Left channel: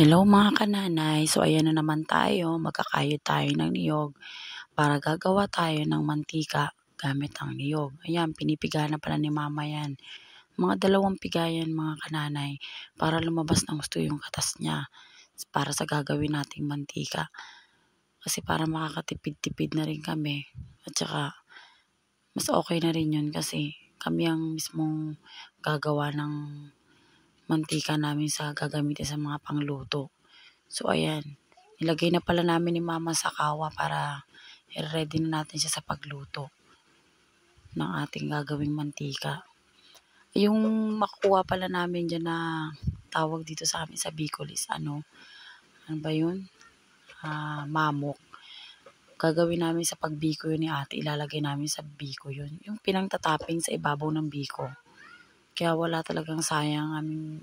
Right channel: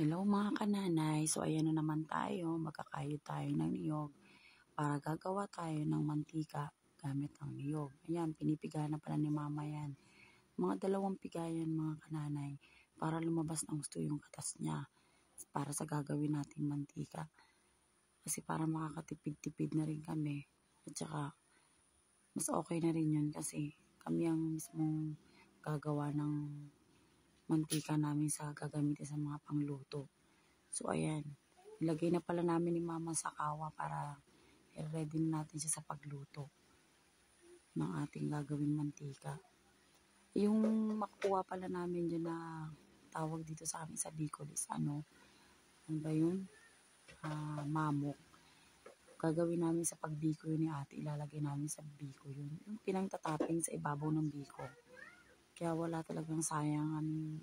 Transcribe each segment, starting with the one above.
Hello mga kananay, so ayan na naman tayo, magkakayod tayo ng niyog para gagawa tayo ng mantika gamit ang niyog. Ayan, pinipiga na pala ni mama yan. Mga 2 pigayan mga kananay para lumabas ng gusto yung katas niya para sa gagawin nating mantika. Kasi para makakatipid-tipid na rin kami at saka mas okay na rin yun kasi kami ang mismong gagawa ng mantika namin sa gagamitin sa mga pangluto. So ayan, nilagay na pala namin ni mama sa kawa para i-ready na natin siya sa pagluto ng ating gagawing mantika. Yung makukuha pala namin dyan na tawag dito sa amin sa Bicol is ano ba yun? Mamok. Gagawin namin sa pagbiko yun ni ate, ilalagay namin sa biko yun. Yung pinangtatapping sa ibabaw ng biko. Kaya wala talagang sayang aming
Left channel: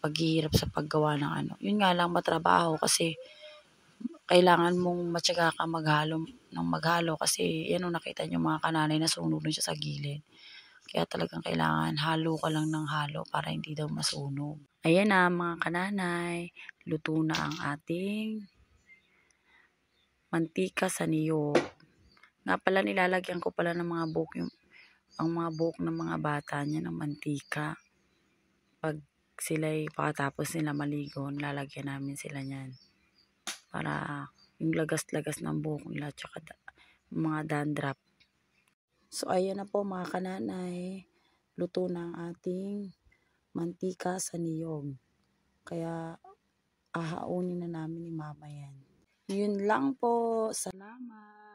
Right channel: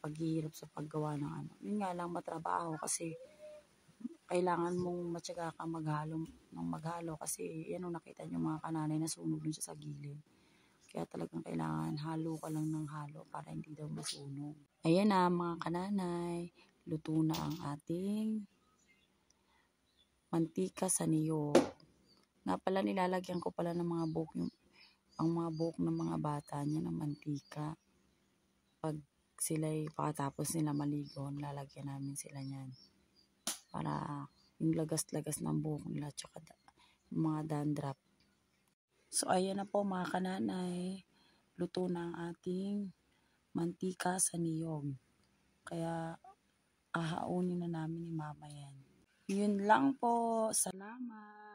paghihirap sa paggawa ng ano. Yun nga lang matrabaho kasi kailangan mong matyaga ka maghalo kasi yan ang nakita niyo mga kananay na sunog na siya sa gilid. Kaya talagang kailangan halo ka lang ng halo para hindi daw masunog. Ayan na mga kananay, luto na ang ating mantika sa niyog. Nga pala nilalagyan ko pala ng mga buhok ang mga buhok ng mga bata niya ng mantika. Pag sila'y pakatapos nila maligo, nilalagyan namin sila niyan. Para yung lagas-lagas ng buhok nila tsaka mga dandruff. So ayan na po mga kananay, luto na ang ating mantika sa niyog. Kaya ahaunin na namin ni mama yan. Yun lang po, salamat.